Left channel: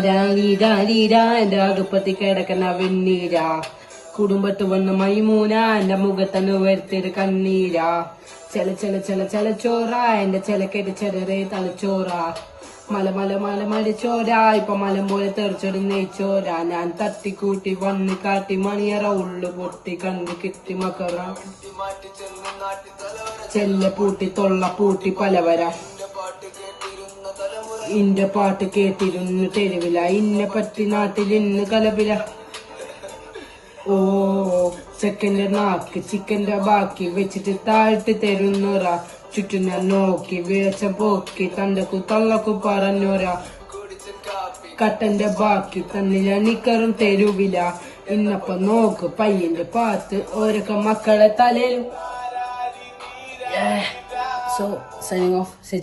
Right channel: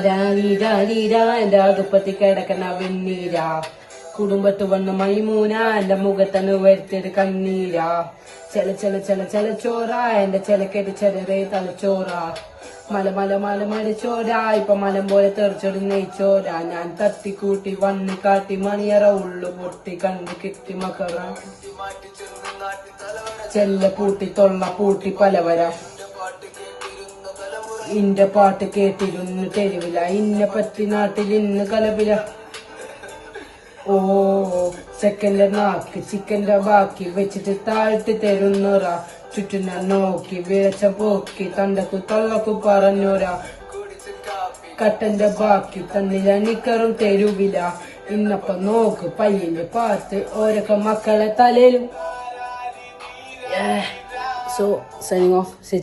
രാരീരാ എന്റെ അടുപ്പത്തി കിടക്കുന്ന വെണ്ണീരാ കുടുംബത്ത് വന്ന മൈമൂന എന്റെ മുഖത്തന്ന് വരുത്തിയൊരു കണ്ണീരാ ചെല ചോറ എന്റെ ചെലക്കേറ്റ് ചെറിയ തലച്ചോറ മല ചോര ഇപ്പൊ മലം പോലെ തെറിച്ചൊരു നെയ്ച്ചോര ഞാൻ തട്ടിക്കൂട്ടി വന്ന് കാട്ടി മണിയറ ഉള്ളു പൊട്ടി കണ്ടു കിട്ടി മക്കറ ചെല്ല പൂട്ടി തൊള്ള പൂട്ടി പലവര ഇന്റെ പാട്ട് കേട്ടിരുന്നു തെരുവില ഇന്നെ പറ്റി നാട്ടിൽ ഇന്ന് കലപില ഓ ചെക്കന്റെ നാക്ക് ചിക്കന്റെ ബാക്കി വെച്ചിട്ട് താഴ്ത്തി തരുന്നൊരാ ചുറ്റും ഞാൻ നോക്കി വിളച്ചം പോക്കി തണ്ടക്കു തള്ളക്കു പറഞ്ഞോരാ കട്ടന്റെ ബാക്കി തന്നില്ല നിക്കറും തെരുവില ഇന്നപ്പ നോക്ക് പയ്യന്റെ പാത്ത് ഓരൊക്കെ മക്കളെ തലയിൽ. So signing off, say